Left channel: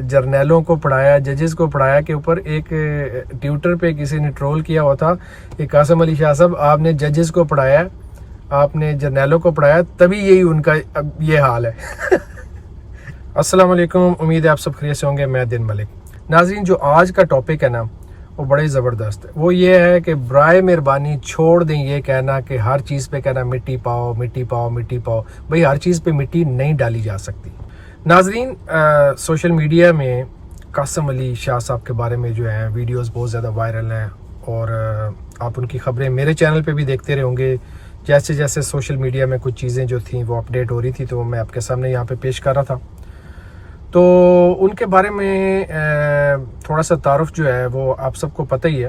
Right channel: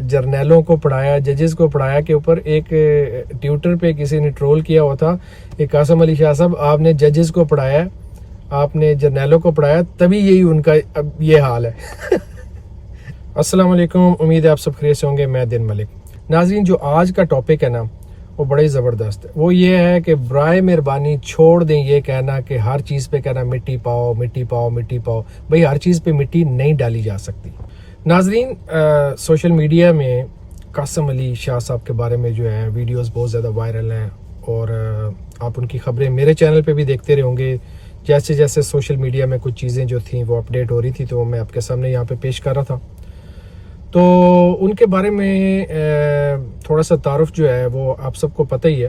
جرنیلوں کو پڑھایا, ججز کو پڑھایا کے اوپر ایک ٹویٹر پہ کسی نے ٹرول کیا ہوا تھا کہ قاسم علی شاہ صاحب آپ نے ججز کو پڑھایا, آپ نے جرنیلوں کو پڑھایا, تبھی یہی ان کا اب یہ حال ہے. السلام علیکم, امید ہے آپ سب خیریت سے ہوں گے. میں دن ملک. ناظرین, جو آج کا ٹاپک ہے نا وہ بڑے زبردست ہے. وہ یہ ہے کہ برائے مہربانی چھوڑ دیں یہ کہنا کہ ہر چیز پہ کہنا مٹی پاؤ مٹی پاؤ مٹی پاؤ. بھئی ہر چیز پہ مٹی نہیں ڈالی جا سکتی. ناظرین, سوشل میڈیا میں قاسم علی شاہ صاحب کے بارے میں جو ہے ویڈیوز بہت زیادہ وائرل ہیں, اور آپ ان کی خبریں میرے چینل پہ بھی دیکھتے رہے ہوں گے. جیسے جیسے سوشل میڈیا میں کچھ چیزیں جو تھیں وہ اپڈیٹ ہو رہی تھی تو میں آپ کے سامنے یہاں پہ پیش کر رہا تھا. تو ان کے بارے میں تھوڑا سا تعارف جو ہے وہ آپ سب کو پتہ ہی ہے.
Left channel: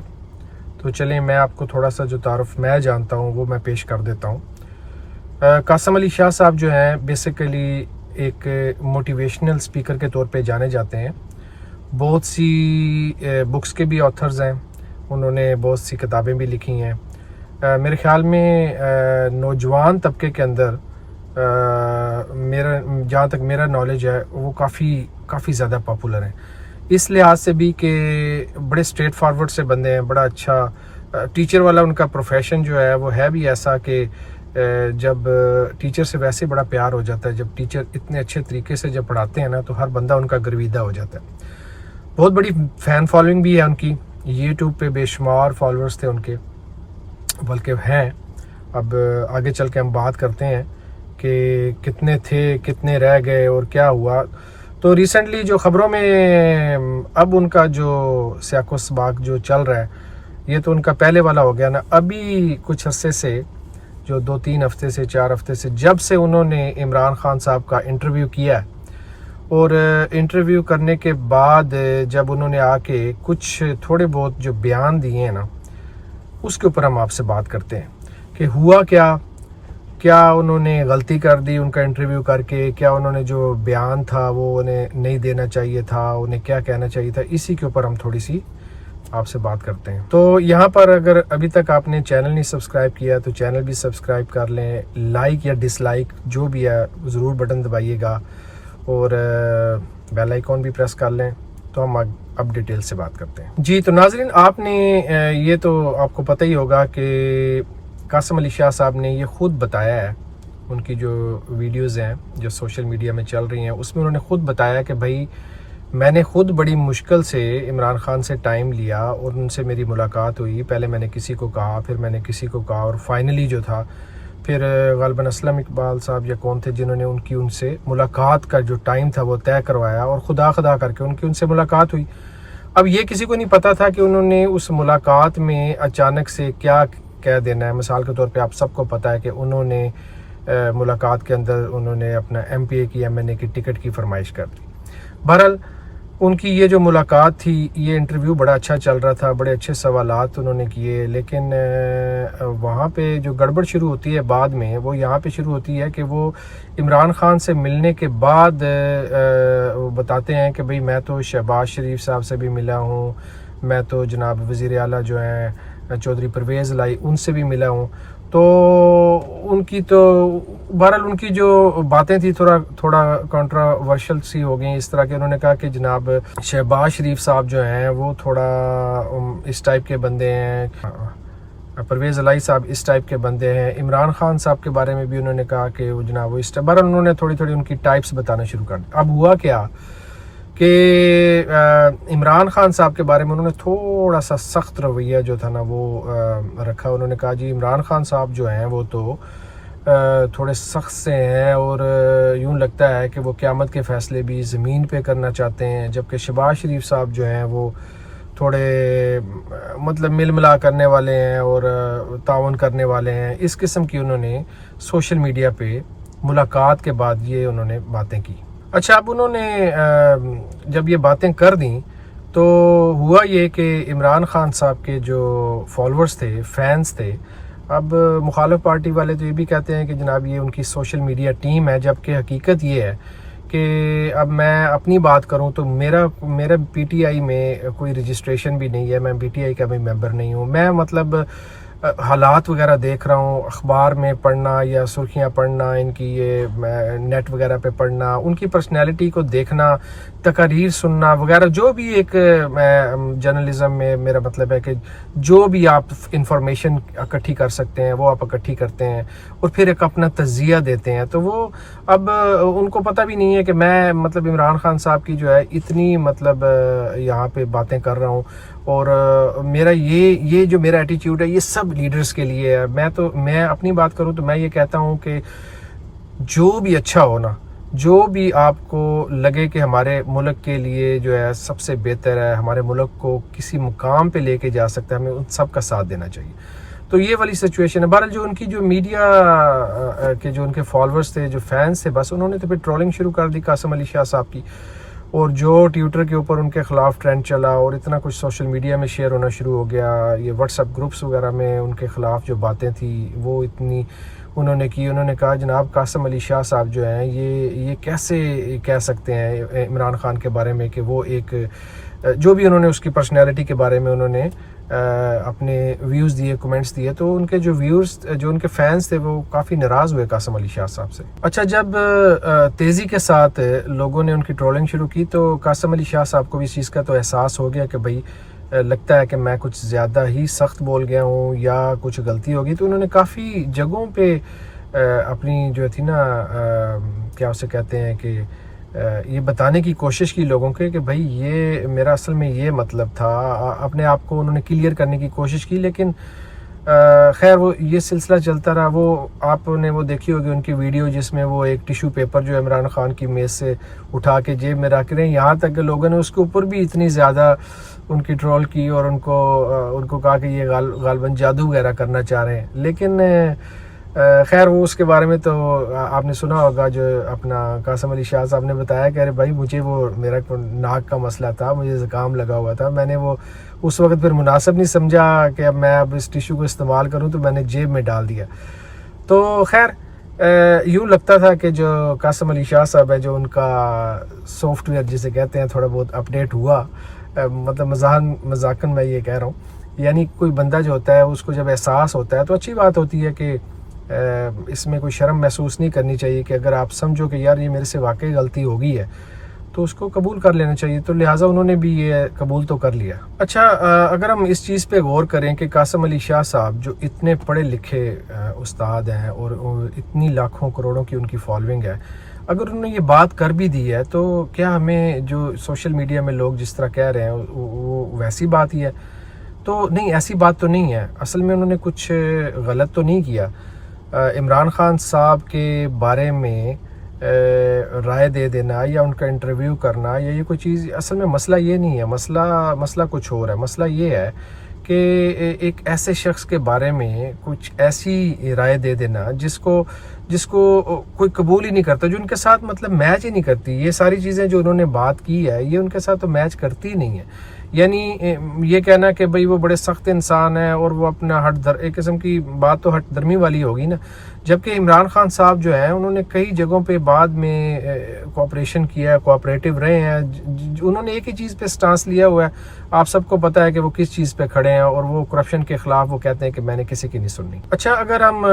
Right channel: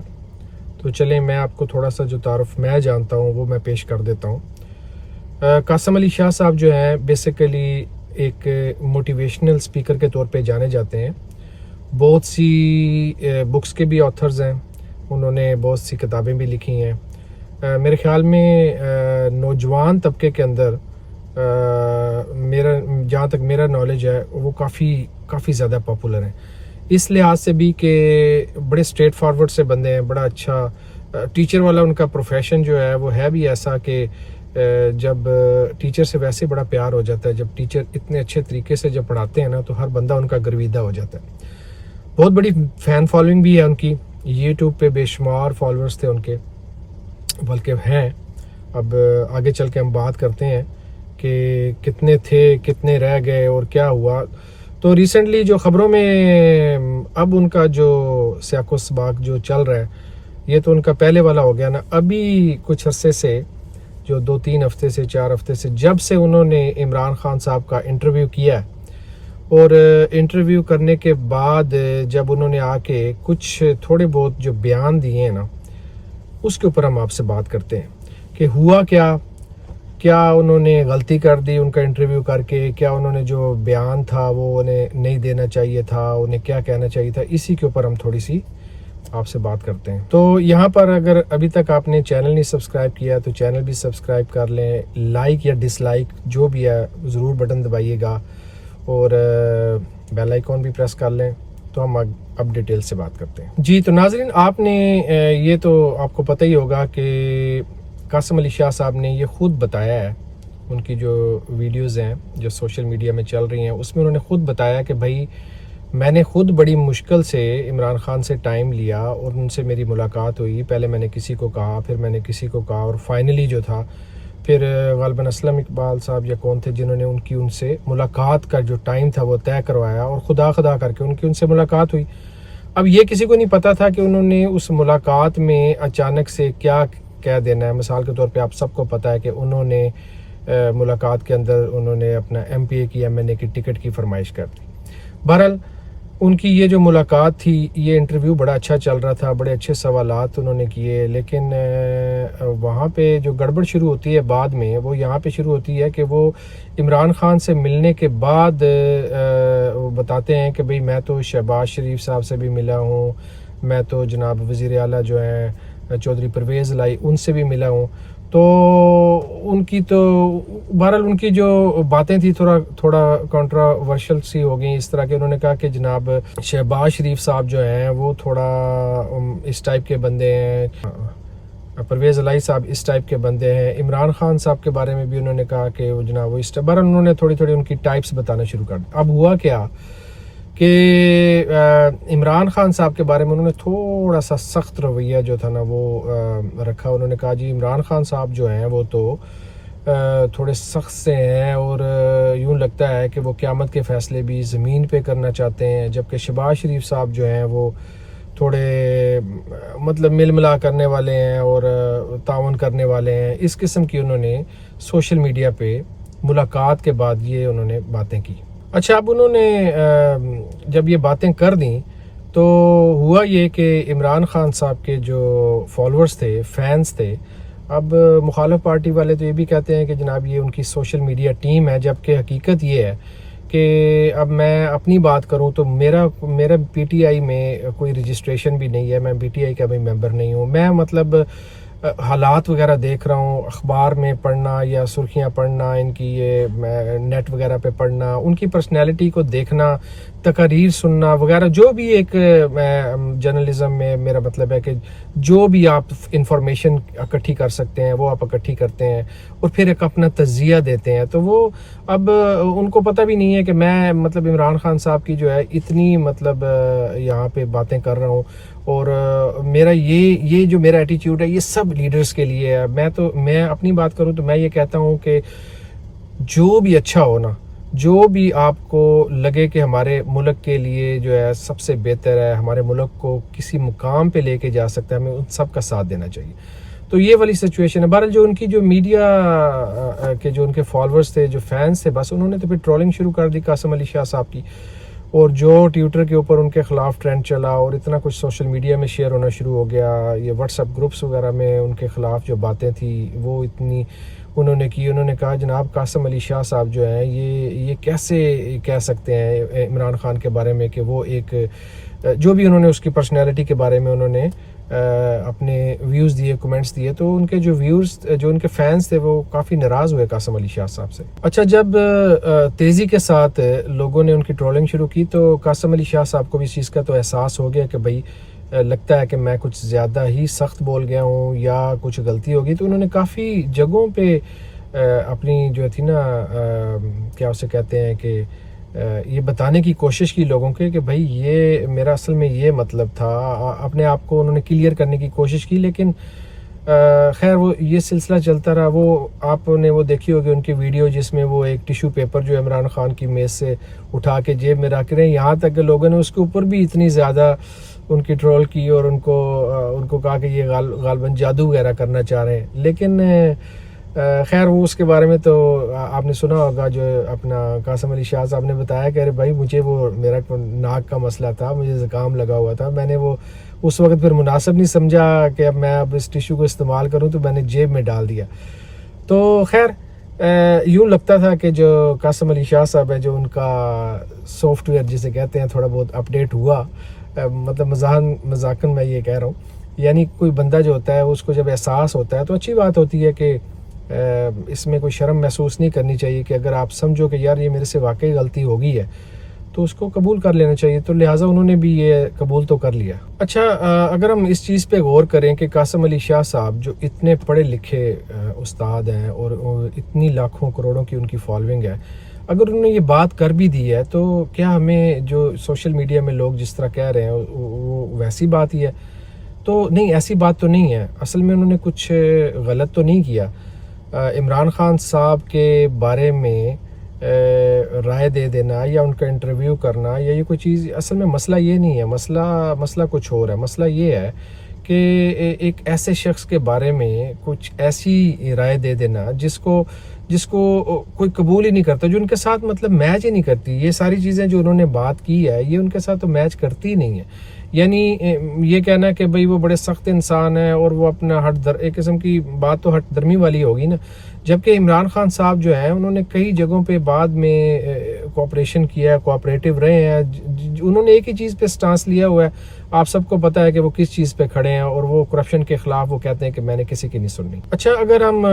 تو چلیں میں آپ کو تھوڑا سا جو تعارف میں جانتا ہوں وہ میں پیش کر دیتا ہوں. قاسم علی شاہ صاحب جو ہیں بیسیکلی ایک موٹیویشنل سپیکر کے طور پہ جانے جاتے ہیں. بہت سی بکس کے بھی آتھرز ہیں, انہوں نے بہت سی کتابیں بھی لکھی ہیں. میرے خیال میں نوجوان طبقے کے اندر میرا جہاں تک میرا نالج ہے وہ کافی زیادہ پاپولر ہیں. اس لحاظ سے بھی کہ بڑے اسٹریٹ فارورڈ سے بندے ہیں, بڑا اچھا ٹیچر والا ان کا پروفیشن جو ہے وہ ہے بھی ایسا کہ جب ٹیچر سے ویسے بڑا پیار ہو جاتا ہے, جب ٹیچر اتنے اچھے طریقے سے جب پڑھاتے ہیں نا تو ہر بندہ ان کا گرویدہ ہو جاتا ہے. بہت بڑی فین فالوئنگ بھی ہے ان کی, یوٹیوب پہ بے شمار فالوورز تھے ان کے, بلکہ ہیں. اب آگے چل کے ہم بات کرتے ہیں کہ کتنے تھے, کتنے رہ گئے اور کیا ہوا. تو ریسنٹلی جو خبروں میں اب ان کا جو سیاق و سباق جو چل رہا ہے یہ تو ان کا پہلے والا ہو گیا نا. ابھی کچھ عرصے سے جو 2-3 ہفتے سے 4 ہفتے سے جب سے انہوں نے عمران خان صاحب کا انٹرویو کیا ہے, اور انٹرویو کرنے کے بعد جب انہوں نے آ کے کچھ تھوڑے بہت جو بیان دیے ہیں نا اس کے اوپر ہم آپ سے بات کرتے ہیں کہ ہوا کیا انہوں نے غلطی کر دی ان کا انٹرویو کر کے, کیا انہوں نے جو بیان تھا وہ انہیں نہیں دینا چاہیے تھا, انہیں کیا کہنا چاہیے تھا. اسی کے اوپر ہم تھوڑی سی آپ سے بات کرتے ہیں. تو یہاں پر اگر ابھی تک آپ نے چینل نہیں سبسکرائب کیا تو چینل بھی سبسکرائب کر لیں. لائک یا ڈس لائک جو بھی ہے ضرور بٹن دبائیے گا, اور بیل آئیکن بھی پریس کر لیں. تو ہم اب ڈیٹیل سے بات کرتے ہیں. جی تو ناظرین, آپ نے یہ تو آپ کو پتہ ہی ہوگا کہ قاسم علی شاہ صاحب نے یہ خود بتایا ہے, ان کی جو ویڈیوز ہیں جو سوشل میڈیا میں چل رہی ہیں اس میں انہوں نے خود بتایا کہ بھائی میں نے خود بڑی مشکل سے عمران خان سے ٹائم لیا اور ان سے میری ملاقات ہوئی. پہلے میں نے کسی کو کہا, پھر میں نے کسی کو کہا, اور فائنلی جو تھا پھر غالباً اسلم اقبال صاحب یا کون تھے جنہوں نے ان سے ملاقات کا جو ٹائم تھا وہ طے کروایا, اور خدا کر کے ان سے ملاقات ہوئی. اب یہ کسی کو نہیں پتا تھا کہ انہوں نے اس ملاقات میں اچانک سے کیا کہہ دینا ہے. مثال کے طور پہ آپ سب کو پتا ہے کہ انہوں نے ملاقات کے اندر انہوں نے اپنا MPA کی MNA کی ٹکٹ کی فرمائش کر دی. بہرحال ان کی یہ جو ملاقات تھی, یہ انٹرویو بڑا اچھا چل رہا تھا, بڑے اچھے سوالات انہوں نے کیے, لیکن وہاں پہ جو گڑبڑ شروع ہوتی ہے بعد میں وہ یہاں پہ شروع ہوتی ہے کہ وہ عمران خان سے ملنے کے بعد وہ بتاتے ہیں کہ بھئی میں تو شہباز شریف صاحب سے بھی ملا ہوں, میں تو جناب وزیر اعلیٰ جو ہیں چودھری پرویز لائی ان سے بھی ملا ہوں. تو ان کی تو بہرحال ان کی جو باتیں تھی تھوڑا کنٹراورشل سی ہو گئیں. اس طرح کہ انہوں نے کہا کہ جناب شہباز شریف صاحب جو ہیں وہ تھوڑا اس ٹائپ کے بندے ہیں, پرویز الہی صاحب اس ٹائپ کے بندے ہیں. عمران خان صاحب کے بارے میں بھی انہوں نے کہا کہ وہ جناب وہ اس ٹائپ, بہرحال انہوں نے تھوڑی ان کی ٹائپس بتانا شروع کر دی. اب ہوا کیا کہ عمران خان صاحب کے بارے میں انہوں نے تھوڑا سا سخت رویہ جو تھا نا وہ رکھا. انہوں نے کہا جی عمران خان صاحب جو ہیں وہ تو تھوڑے سخت سے ہیں, اور یوں لگتا ہے کہ وہ قیامت کے فیصلے بھی زمین پہ کرنا چاہتے ہیں, جبکہ شہباز شریف صاحب جو ہیں وہ تھوڑے مطلب مل ملا کرنے والے ہیں اور تعاون کرنے والے ہیں. اس قسم کی انہوں نے سوشل میڈیا پہ ملاقات کے بعد یہ انہوں نے باتیں کی. اچھا, اب انہوں نے جب یہ باتیں کر دیں تو ہوا یہ کہ عمران خان صاحب کے جو فالوورز تھے, فینس تھے, اب مخالف پارٹی والے تو یہ بھی کہتے ہیں کہ جناب یہ ان کی سوشل میڈیا ٹیم ہے, جبکہ حقیقت یہ ہے کہ اب میں اپنی بات کروں تو میرا PTI میں کوئی رجسٹریشن بھی نہیں ہے, میں PTI کا بھی ممبر نہیں ہوں. میں مطلب حالات وغیرہ دیکھ رہا ہوں, اخبار میں پڑھنا یا سرخیاں پڑھنا, ان کی یہ نیٹ وغیرہ پہ پڑھنا, ان کی پرسنالٹی کو دیکھنا, تقاریر سننا وغیرہ، جو بھی ایک جرنلزم میں میرا مطلب ہے کہ جو بھی آپ انفارمیشن اکٹھی کر سکتے ہیں وہ آپ اکٹھی کرتے ہیں اور پھر ایک اپنا تجزیہ دیتے ہیں. تو وہ اب ان کو پتہ بھی نہیں ہے کہ میں مطلب عمران خان صاحب کی جو ہے اتنی مطلب یہاں پہ باتیں کر رہا ہوں، اور میرا یہ جو میرا ایٹیٹیوڈ ہے یہ سب لیڈرز کے لیے ہے. میں اپنی بات کروں تو میں یہ کہتا ہوں کہ جو بھی اچھا ہو نا، جو بھی آپ کو لگے کہ ہمارے ملک کے لیے جو ہے سب سے بہتر ہے، ہمارے ملک کو کسی مقام پہ لے کے جا سکتا ہے، ہمیں ان سب کا ساتھ دینا چاہیے. تو یہ والی سچویشن ہے. بہرحال جو ان کی جو میڈیا کے جو ان کے فالوورز تھے، جو فینس تھے، بس انہوں نے تو پھر ٹرولنگ شروع کر دی قاسم علی شاہ صاحب کی، اور جو ٹویٹر کے اوپر ان کے خلاف ٹرینڈ چلا اور اتنا کچھ سوشل میڈیا میں شیئر ہونا شروع ہو گیا. یہ واٹس ایپ گروپس وغیرہ میں ان کے خلاف جو باتیں تھیں وہ اتنی انہوں نے کی. انہوں نے کہا جناب قاسم علی شاہ صاحب جو ہیں یہ کیسے کہہ سکتے ہیں عمران خان کے بارے میں کہ وہ ایک جو بھی انہوں نے اس کی پرسنالٹی کے بارے میں انہوں نے اپنے ویوز دیے، کمنٹس دیے. تو ان کے جو ویورز، جو ان کے فینس تھے، وہ کافی ناراض ہوئے قاسم علی شاہ صاحب سے. اچھا، جب تیزی کے ساتھ لوگوں نے ان کی ٹرولنگ شروع کی تو قاسم علی شاہ صاحب کو بھی اس چیز کا تو احساس ہو گیا کہ بھائی لگتا ہے کہ میں کچھ زیادہ ہی سخت بول گیا ہوں یا کچھ غلطی ہوگی. تو انہوں نے کافی جگہوں پہ اپنی جو تھی نا کیا اسے کہتے ہیں کہ یہ بتانے کی کوشش کی لوگوں کے کہ بھائی یہ میرا اصل میں یہ مطلب تھا. اپنے آپ کو انہوں نے کلیئر کرنے کی کوشش کی، لیکن خیر وہ یہ سلسلہ چلتا رہا. وہ آپ نے وہ دیکھی ہوگی ان کی ویڈیو جس میں وہ ایک ٹیشو پیپر جو عمران خان کی میز سے اٹھا کے جیب میں رکھ رہے ہیں، یہاں تک کہ لوگوں نے اس کے اوپر بھی اتنی زیادہ ان کی ٹرول کی اور ان کو کہا کہ یہ غالباً جادو وغیرہ کرنا چاہ رہے ہیں. لیکن خیر وہ اس کے بارے میں تو آپ نے سنا ہوگا، جو اپنا قاسم علی شاہ صاحب نے بتایا کہ ارے بھائی مجھے وہ میرا ناک کا مسئلہ تھا، مجھے زکام لگا ہوا تھا، میں نے وہ اس وقت پھر مناسب نہیں سمجھا کہ اب میں اس ٹیشو کو استعمال کروں، تو میں نے جیب میں ڈال دیا. تو خیر یوں لگتا تھا کہ جو قاسم علی شاہ صاحب ہے، جو ان کا سافٹ ویئر جسے کہتے ہیں تھوڑا بہت اپڈیٹ ہوا، مطلب مذاقاً میں یہ کہہ رہا ہوں، یعنی کوئی بندہ جو ہوتا ہے اس کو جب احساس ہوتا ہے تو اچھی بات ہوتی ہے کہ اس میں کوئی شرم محسوس نہیں کرنی چاہیے کہ اگر آپ سمجھو کہ یار یہ میرے سے واقعی غلطی ہو گئی ہے تو اس کو قبول کر لینا چاہیے. تو لہٰذا انہوں نے بھی یہ قبول تو کر لیا. اچھا، اگر ہم اس چیز پہ غور کریں کہ قاسم علی شاہ صاحب جو اتنے پڑھے لکھے استاد ہیں اور اتنی لاکھوں کروڑوں کی ان کی فالوئنگ ہے، اگر انہوں نے یہ بات کر بھی دی ہے تو کیا ہمیں جو سوشل میڈیا میں لوگ جس طرح کہہ رہے ہیں وہ ویسی بات ہی ہے؟ تو نہیں، ایسی بات تو نہیں ہے. اصل میں انہوں نے کچھ غلط تو نہیں کیا. عمران خان صاحب کے بارے میں رائے دے دینا یا ان کا انٹرویو کرنا یا یہ کوئی چیز، اصل میں مسئلہ یہ نہیں ہے. مسئلہ کچھ اور ہے. مسئلہ یہ ہے کہ ایک ایسے شخص کے بارے میں کچھ ایسی رائے دے دینا جس کو کوئی قبول ہی نہیں کرتا، جو ان کے ساتھ مطلب میچ ہی نہیں کرتی. یہ ساری چیزیں جو انہوں نے بات کی ہے یہ ان کے ساتھ تو میچ کرتی ہی نہیں ہے. یعنی یہ کہنا کہ بھئی وہ بڑے سخت انسان ہیں اور وہ اپنا ایک قسم کی بات تو ہٹ درمی والی ہوگی نا. جبکہ عمران خان صاحب جو ہیں انہوں نے کئی جگہوں پہ بعد میں کوآپریشن کیا ہے، کوآپریٹو رہے ہیں. انہوں نے ایک ہی چیز پہ سٹانس لیا ہوا ہے. آپ سب کو پتہ ہے کہ وہ کس چیز پہ کھڑے ہیں، اور وہ کرپشن کے خلاف وہ کہتے ہیں کہ میں نے کسی کی نہیں سننی. اچھا، اگر ہم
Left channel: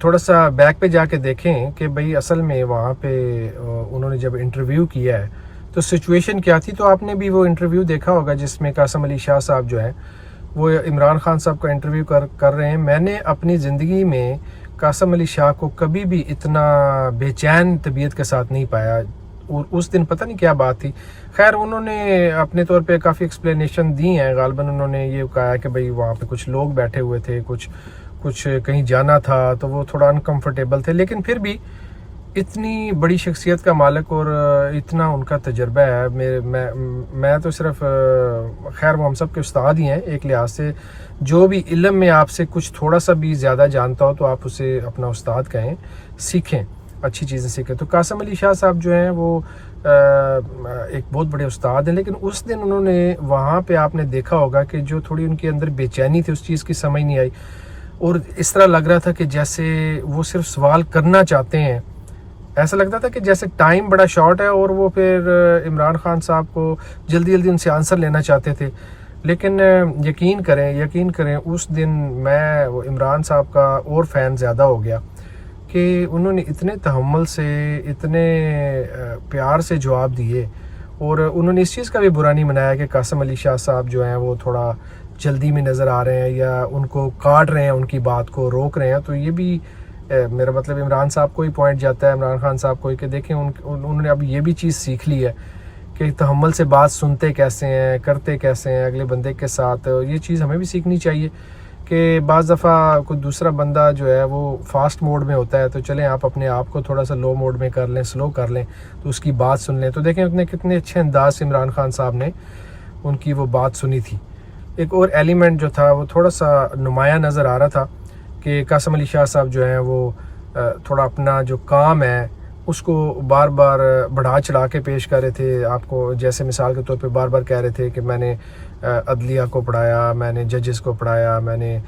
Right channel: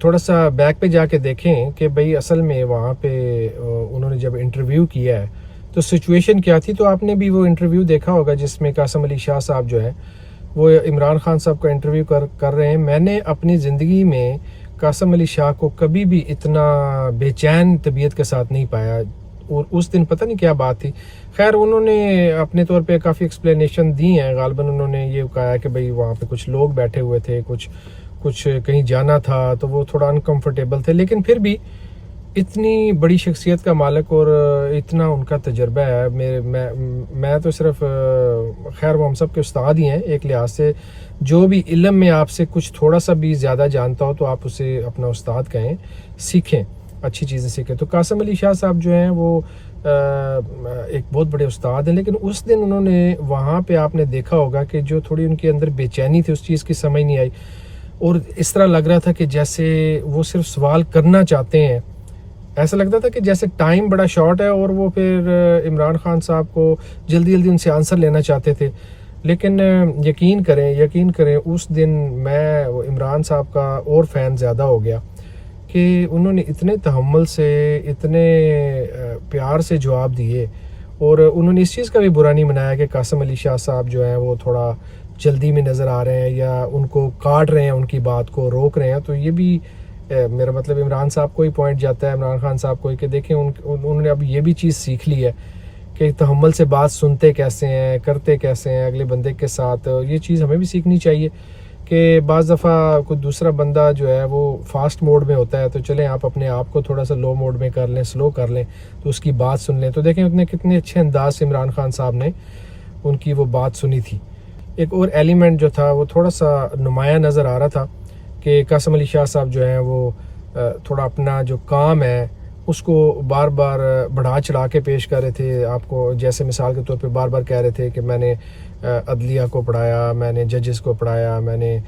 تھوڑا سا بیک پہ جا کے دیکھیں کہ بھئی اصل میں وہاں پہ انہوں نے جب انٹرویو کیا ہے تو سچویشن کیا تھی، تو آپ نے بھی وہ انٹرویو دیکھا ہوگا جس میں قاسم علی شاہ صاحب جو ہیں وہ عمران خان صاحب کا انٹرویو کر رہے ہیں. میں نے اپنی زندگی میں قاسم علی شاہ کو کبھی بھی اتنا بے چین طبیعت کے ساتھ نہیں پایا، اور اس دن پتہ نہیں کیا بات تھی. خیر انہوں نے اپنے طور پہ کافی ایکسپلینیشن دی ہیں. غالباً انہوں نے یہ کہا کہ بھئی وہاں پہ کچھ لوگ بیٹھے ہوئے تھے، کچھ کہیں جانا تھا تو وہ تھوڑا انکمفرٹیبل تھے، لیکن پھر بھی اتنی بڑی شخصیت کا مالک اور اتنا ان کا تجربہ ہے. میں تو صرف خیر وہ ہم سب کے استاد ہی ہیں ایک لحاظ سے. جو بھی علم میں آپ سے کچھ تھوڑا سا بھی زیادہ جانتا ہو تو آپ اسے اپنا استاد کہیں، سیکھیں، اچھی چیزیں سیکھیں. تو قاسم علی شاہ صاحب جو ہیں وہ ایک بہت بڑے استاد ہیں، لیکن اس دن انہوں نے وہاں پہ آپ نے دیکھا ہوگا کہ جو تھوڑی ان کے اندر بے چینی تھی اس چیز کی سمجھ نہیں آئی، اور اس طرح لگ رہا تھا کہ جیسے وہ صرف سوال کرنا چاہتے ہیں. ایسا لگتا تھا کہ جیسے ٹائم بڑا شارٹ ہے اور وہ پھر عمران خان صاحب کو جلدی ان سے آنسر لینا چاہتے تھے. لیکن یقین کریں اس دن میں عمران صاحب کا اور فین زیادہ ہو گیا کہ انہوں نے اتنے تحمل سے، اتنے پیار سے جواب دیے، اور انہوں نے اس چیز کا بھی برا نہیں منایا کہ قاسم علی شاہ صاحب جو ہیں وہ تھوڑا جلدی میں نظر آ رہے ہیں یا ان کو کاٹ رہے ہیں، ان کی بات کو روک رہے ہیں. تو یہ بھی میرا مطلب عمران صاحب کو ہی پوائنٹ جاتا ہے، عمران خان صاحب کو ہی، کہ دیکھیں انہوں نے اب یہ بھی چیز سیکھ لی ہے کہ تحمل سے بات سنتے کیسے ہیں، کرتے کیسے ہیں اگلے بندے کے ساتھ. یہ چیز ہمیں بھی سیکھنی چاہیے کہ بعض دفعہ کوئی دوسرا بندہ جو ہے وہ فاسٹ موڈ میں ہوتا ہے، تو چلیں آپ اپنے آپ کو تھوڑا سا لو موڈ میں کر لیں، سلو کر لیں، تو اس کی بات سن لیں. تو دیکھیں انہوں نے کتنے اچھے انداز سے عمران خان صاحب نے ان کی وہ بات سنی تھی. ایک اور ایلیمنٹ جو تھا وہ تھوڑا سا نمایاں نظر آ رہا تھا کہ قاسم علی شاہ صاحب جو ہیں وہ تھوڑا اپنا جو کام ہے اس کو بار بار بڑھا چڑھا کے پیش کر رہے تھے آپ کو. جیسے مثال کے طور پہ بار بار کہہ رہے تھے کہ میں نے عدلیہ کو پڑھایا، میں نے ججز کو پڑھایا، میں نے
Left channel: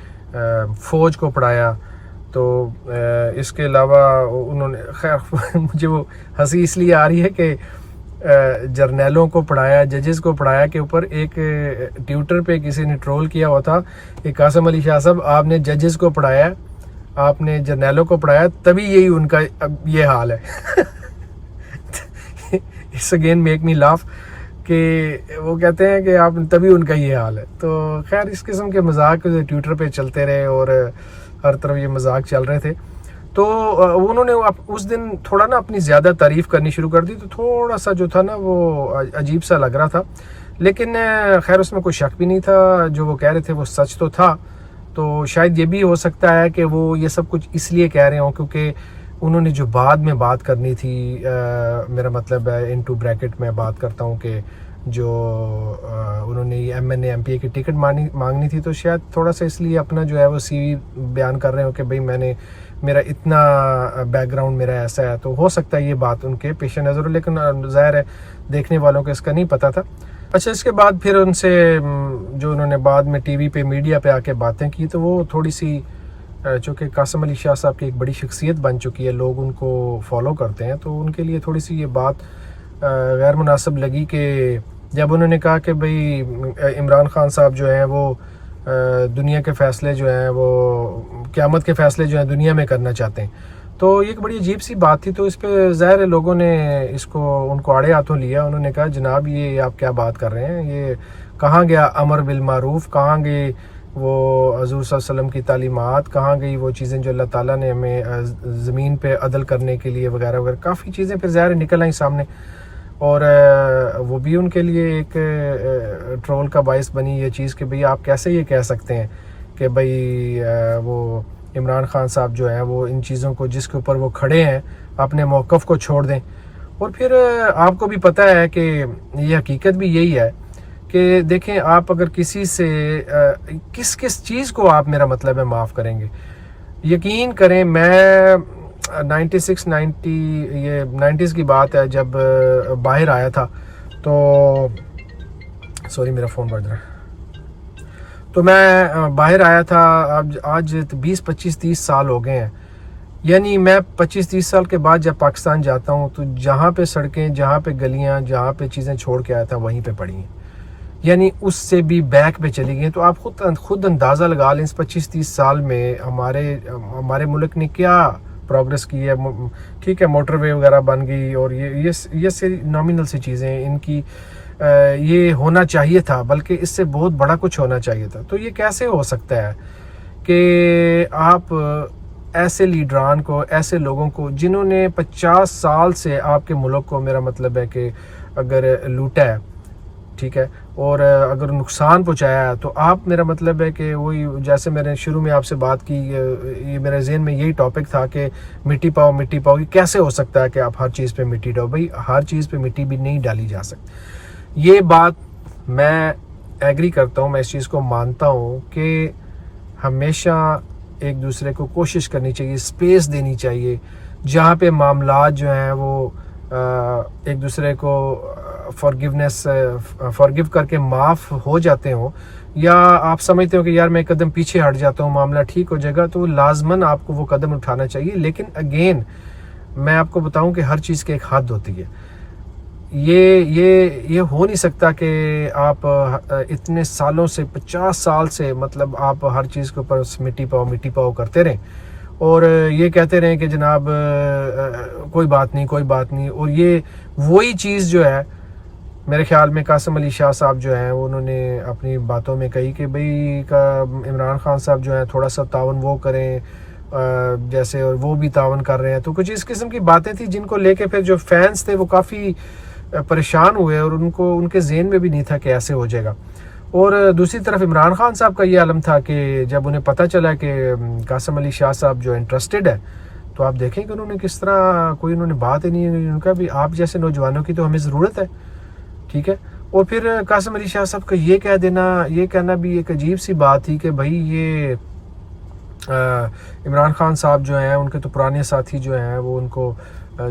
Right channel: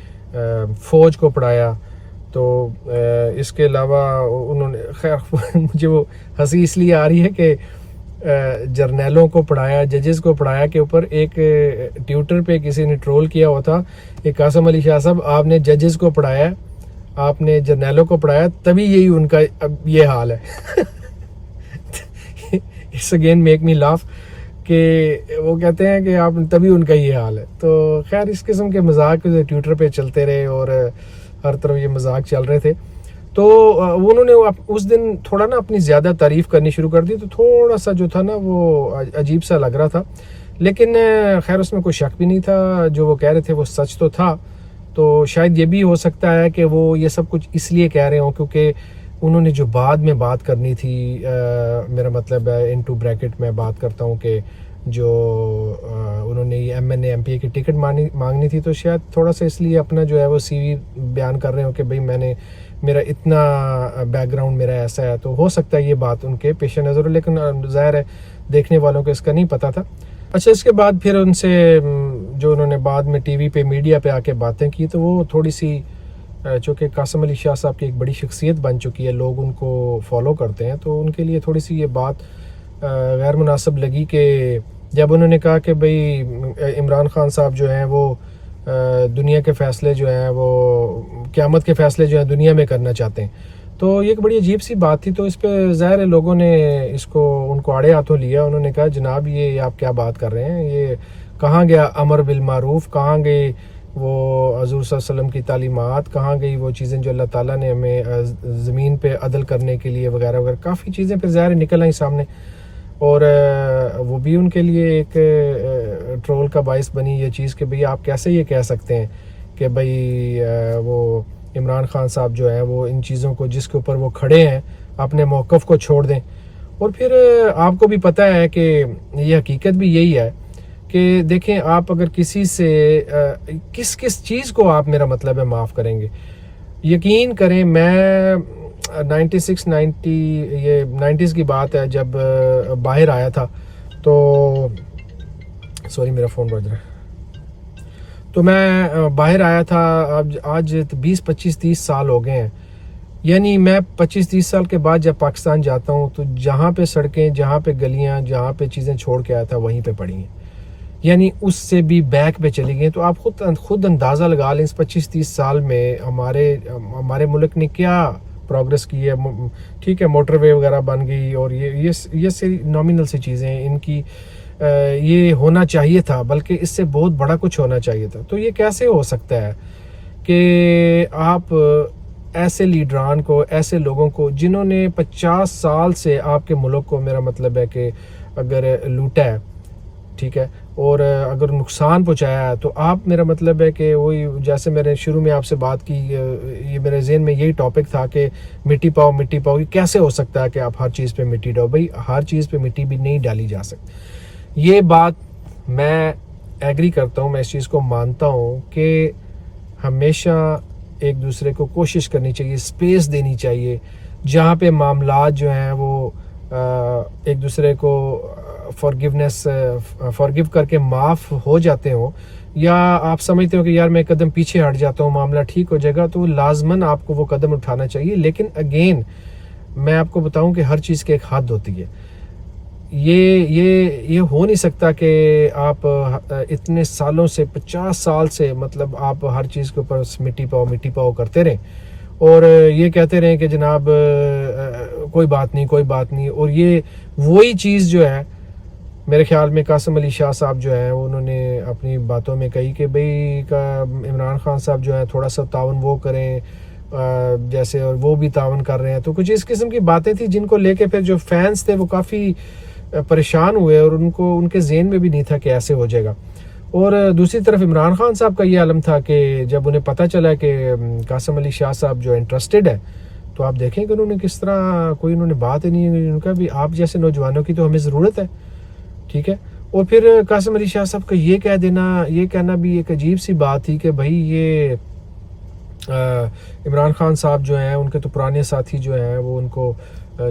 فوج کو پڑھایا. تو اس کے علاوہ انہوں نے خیر مجھے وہ ہنسی اس لیے آ رہی ہے کہ جرنیلوں کو پڑھایا، ججز کو پڑھایا کے اوپر ایک ٹویٹر پہ کسی نے ٹرول کیا ہوا تھا کہ قاسم علی شاہ صاحب آپ نے ججز کو پڑھایا، آپ نے جرنیلوں کو پڑھایا، تبھی یہی ان کا اب یہ حال ہے. It's again make me laugh کہ وہ کہتے ہیں کہ آپ تبھی ان کا یہ حال ہے. تو خیر اس قسم کے مذاق ٹویٹر پہ چلتے رہے اور ہر طرف یہ مذاق چل رہے تھے. تو انہوں نے اس دن تھوڑا نا اپنی زیادہ تعریف کرنی شروع کر دی، تو تھوڑا سا جو تھا نا وہ عجیب سا لگ رہا تھا. لیکن خیر اس میں کوئی شک بھی نہیں تھا، جو وہ کہہ رہے تھے وہ سچ تو تھا. تو شاید یہ بھی ہو سکتا ہے کہ وہ یہ سب کچھ اس لیے کہہ رہے ہوں کیونکہ انہوں نے جو بعد میں بات کرنی تھی، میرا مطلب ہے انٹو بریکٹ میں بات کرتا ہوں کہ جو انہوں نے M N A M P A کی ٹکٹ مانگنی تھی، تو شاید تھوڑا سا اس لیے اپنا جو ہے وہ سی وی بیان کر رہے ہوں کہ بھئی میں نے میرا اتنا بیک گراؤنڈ میرا ایسا ہے. تو ہو سکتا ہے یہ بات ان کے پیش نظر ہو، لیکن ظاہر ہے دیکھنے والوں کو اس کا نہیں پتہ تھا. اچھا اس کے بعد پھر ان سے جو انہوں نے بعد میں ٹی وی پہ میڈیا پہ آ کے باتیں کی، تو وہ تھوڑی سی چونکہ قاسم علی شاہ صاحب کی ایک بڑی شخصیت بن چکی ہے، لوگ ان کو فالو کرتے ہیں، تو ان کے لیے تھوڑی سی یہ بات غیر مناسب لگی کہ جب انہوں نے کہا کہ بھئی عمران خان صاحب جو ہیں وہ دنیا کے فیصلے جو ہیں وہ قیامت کے فیصلے جو ہیں دنیا میں کرنا چاہتے ہیں. تو یہ ایک بڑی عجیب سی بات تھی. تو اس پہ ظاہر ہے لوگوں نے ان کو آڑے ہاتھوں لیا. انہوں نے کہا جناب یہ آپ کیا بات کر رہے ہیں، یہ کہاں گیا امر بالمعروف، کہاں گئی وہ حضور صلی اللہ علیہ وسلم کی تعلیمات، کہاں گئی وہ چیزیں جو اللہ تعالیٰ نے ہمیں زمین پہ عدل کرنے کے لیے وغیرہ وغیرہ. کافی چیزیں پھر ظاہر نکل آئیں سامنے، اور وہ بھی ان کے لیے ایک ٹرول کا باعث بنی یہ چیز کہ بھئی آپ کیسے یہ کہہ سکتے ہیں کہ بھئی وہ عمران خان صاحب جو ہیں وہ ان چیزوں کو جس کے اوپر وہ کھڑے ہیں اپنے موقف کو چھوڑ دیں. اور پھر آپ کو بھی پتہ ہے کہ یہ حقیقت بھی یہی ہے کہ دیکھیں آپ اگر کسی سے کس چیز کو آپ میرا مطلب ہے معاف کریں گے. یقین کریں میں 90s کی بات ہے جب باہر آیا تھا، تو سوری میرا فون بج رہا ہے. تو میں باہر آیا تھا، آج 20-25-30 سال ہو گئے ہیں. یعنی میں 25-30 سال کے بعد جب پاکستان جاتا ہوں تو جہاں پہ سڑکیں، جہاں پہ گلیاں، جہاں پہ چیزیں چھوڑ کے آیا تھا وہیں پہ پڑی ہیں، یعنی اس سے بھی بیک پہ چلی گئی. تو آپ خود اندازہ لگا لیں اس 25-30 سال میں ہمارے ملک نے کیا پروگرس کی ہے. ٹھیک ہے موٹر وے وغیرہ بن گئی اور یہ سے نامینل سی چیزیں ان کی یہ ہونا چاہیے تھا، بلکہ اس سے بہت بڑا کچھ ہونا چاہیے تھا. تو یہ کیسے ہو سکتا ہے کہ آپ ایسے لیڈران کو، ایسے لوگوں کو جنہوں نے 50 سال سے آپ کے ملک کو میرا مطلب ہے کہ اگر لوٹا ہے، ٹھیک ہے، اور اگر نقصان پہنچایا ہے، تو آپ میرا مطلب ہے کہ وہی جیسے میں نے شروع میں آپ سے بات کی، یہ میرے ذہن میں یہی ٹاپک تھا کہ مٹی پاؤ مٹی پاؤ. یہ کیسے ہو سکتا ہے کہ آپ ہر چیز پہ مٹی ڈالو؟ بھائی ہر چیز پہ مٹی بھی نہیں ڈالی جا سکتی. یہ بات میں ایگری کرتا ہوں، میں اس چیز کو مانتا ہوں کہ ہمیشہ ایک دوسرے کو کوشش کرنی چاہیے، اسپیس دینی چاہیے. جہاں پہ معاملات جو ہیں وہ ایک دوسرے کو فارگیو کر کے معاف ہو جاتے ہوں، یا آپ سمجھتے ہو کہ یار میں ایک قدم پیچھے ہٹ جاتا ہوں معاملہ ٹھیک ہو جائے گا، تو لازماً آپ کو وہ قدم اٹھانا چاہیے. لیکن اگین میں آپ کو بتاؤں کہ ہر چیز کی ایک حد ہوتی ہے. یہ ہو نہیں سکتا کہ آپ اتنے سالوں سے 50 سال سے مطلب آپ ہر چیز کے اوپر مٹی پاؤ کرتے رہیں اور یہ کہتے رہیں کہ جناب کوئی بات نہیں. اور یہ وہی چیز جو ہے میرے خیال میں قاسم علی شاہ صاحب جو ہیں انہوں نے اپنی باتوں میں کہی کہ بھئی عمران خان صاحب جو ہیں تھوڑا سا تعاون وہ کریں جیسے، اور وہ بھی تعاون کر رہے ہیں. تو کچھ اس قسم کی باتیں تھیں جن کو لے کے پھر جو فینس تھے وہ کافی پریشان ہوئے، اور ان کے ذہن میں بھی نہیں تھا کہ ایسے ہو جائے گا. اور دوسری طرف عمران خان صاحب کا یہ عالم تھا کہ جب انہیں پتہ چلا کہ قاسم علی شاہ صاحب جو انٹرسٹڈ ہے، تو آپ دیکھیں کہ انہوں نے کس طرح کوئی انہوں نے بات ہی نہیں، ان کا بھی آپ جیسے نوجوانوں کی تو ہمیں ضرورت ہے. ٹھیک ہے. اور پھر قاسم علی شاہ صاحب کا یہ کہنا بھی ایک عجیب سی بات تھی کہ بھائی یہ عمران خان صاحب جو ہیں ان کے تو پرانے ساتھی جو ہیں وہ ان کو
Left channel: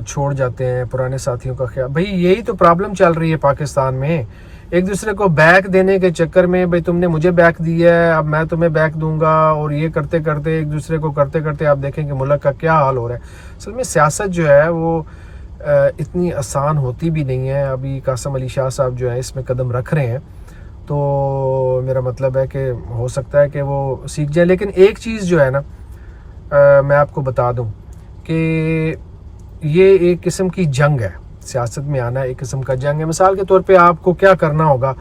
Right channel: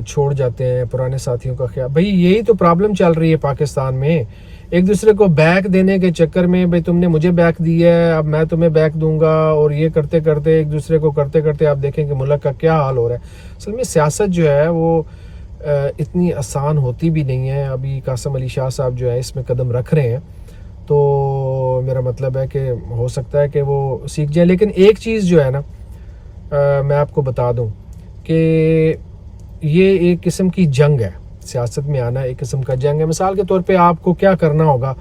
چھوڑ جاتے ہیں، پرانے ساتھیوں کا خیال. بھائی یہی تو پرابلم چل رہی ہے پاکستان میں، ایک دوسرے کو بیک دینے کے چکر میں بھائی تم نے مجھے بیک دیا ہے اب میں تمہیں بیک دوں گا، اور یہ کرتے کرتے ایک دوسرے کو کرتے آپ دیکھیں کہ ملک کا کیا حال ہو رہا ہے. اصل میں سیاست جو ہے وہ اتنی آسان ہوتی بھی نہیں ہے. ابھی قاسم علی شاہ صاحب جو ہے اس میں قدم رکھ رہے ہیں، تو میرا مطلب ہے کہ ہو سکتا ہے کہ وہ سیکھ جائیں. لیکن ایک چیز جو ہے نا میں آپ کو بتا دوں کہ یہ ایک قسم کی جنگ ہے، سیاست میں آنا ایک قسم کا جنگ ہے. مثال کے طور پہ آپ کو کیا کرنا ہوگا،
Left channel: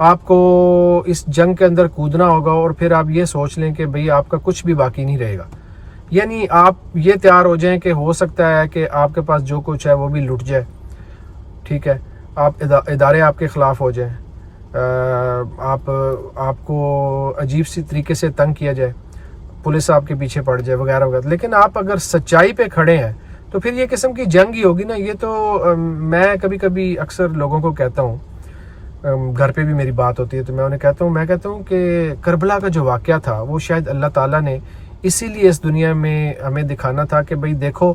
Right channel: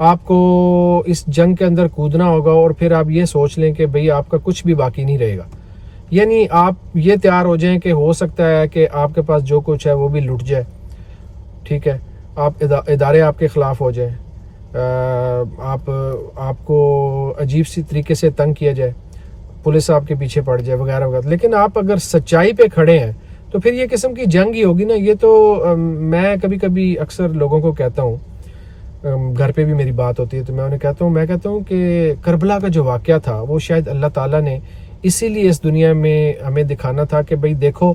آپ کو اس جنگ کے اندر کودنا ہوگا، اور پھر آپ یہ سوچ لیں کہ بھئی آپ کا کچھ بھی باقی نہیں رہے گا. یعنی آپ یہ تیار ہو جائیں کہ ہو سکتا ہے کہ آپ کے پاس جو کچھ ہے وہ بھی لٹ جائے. ٹھیک ہے. آپ ادارے آپ کے خلاف ہو جائیں، آپ کو عجیب سی طریقے سے تنگ کیا جائے، پولیس آپ کے پیچھے پڑ جائے وغیرہ وغیرہ. لیکن آپ اگر سچائی پہ کھڑے ہیں تو پھر یہ قسم کی جنگ ہی ہوگی نا. یہ تو میں کبھی اکثر لوگوں کو کہتا ہوں، گھر پہ بھی میری بات ہوتی ہے تو میں انہیں کہتا ہوں کہ کربلا کا جو واقعہ تھا وہ شاید اللہ تعالیٰ نے اسی لیے اس دنیا میں ہمیں دکھانا تھا کہ بھئی دیکھو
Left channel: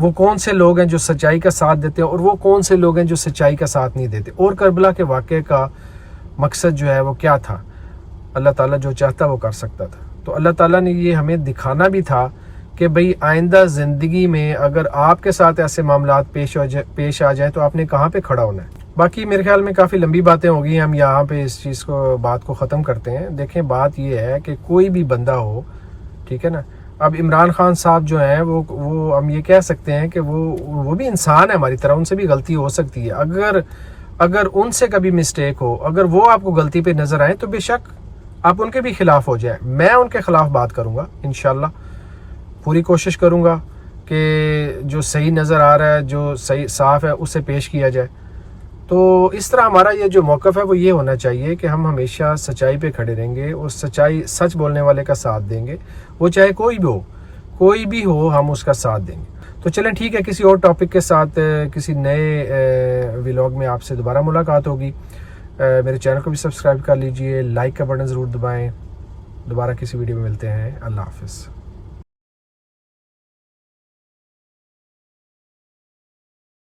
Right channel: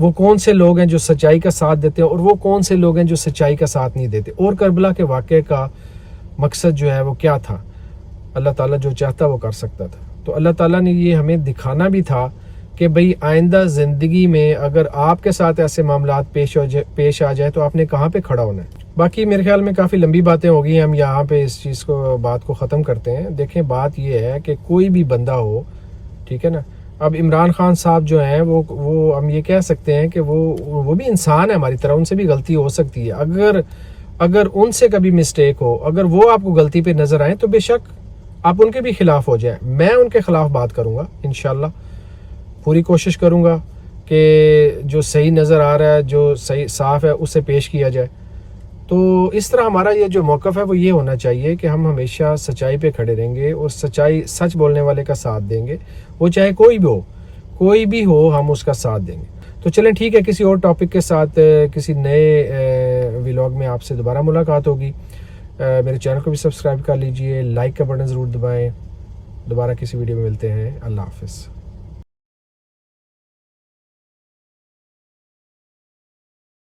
وہ کون سے لوگ ہیں جو سچائی کا ساتھ دیتے ہیں، اور وہ کون سے لوگ ہیں جو سچائی کا ساتھ نہیں دیتے. اور کربلا کے واقعے کا مقصد جو ہے وہ کیا تھا، اللہ تعالیٰ جو چاہتا وہ کر سکتا تھا. تو اللہ تعالیٰ نے یہ ہمیں دکھانا بھی تھا کہ بھئی آئندہ زندگی میں اگر آپ کے ساتھ ایسے معاملات پیش آ جائیں تو آپ نے کہاں پہ کھڑا ہونا ہے. باقی میرے خیال میں کافی لمبی باتیں ہو گئی ہیں، ہم یہاں پہ اس چیز بات کو ختم کرتے ہیں. دیکھیں بات یہ ہے کہ کوئی بھی بندہ ہو، ٹھیک ہے نا. اب عمران خان صاحب جو ہیں وہ ہم یہ کہہ سکتے ہیں کہ وہ بھی انسان ہے ہماری طرح، ان سے بھی غلطی ہو سکتی ہے. اگر ان سے کبھی مسٹیک ہو، اگر وہ آپ کو غلطی پہ نظر آئیں تو بے شک آپ ان کے بھی خلاف ہو جائیں. میں ان کے خلاف بات کروں گا انشاءاللہ، پوری کوشش کروں گا کہ جو صحیح نظر آ رہا ہے، جو صحیح صاف ہے اسے پیش کیا جائے. تو اس طرح ہمارا یہ جو موقف ہے وہ یہ ہونا چاہیے کہ ہم ہمیشہ سچائی پہ کھڑے رہیں گے، اور سچ بولنے والے کا ساتھ دیں گے، وہ چاہے کوئی بھی ہو ہم اس کا ساتھ دیں گے. تو چلیں ٹھیک ہے، کسی اور ٹاپک کے ساتھ کسی نئے ولاگ میں آپ سے دوبارہ ملاقات ہوگی. میرے چینل کو بھی سبسکرائب کر لیجئے، لائک کا بٹن ضرور دبائیں. دوبارہ کسی ویڈیو میں ملتے ہیں. اللہ حافظ.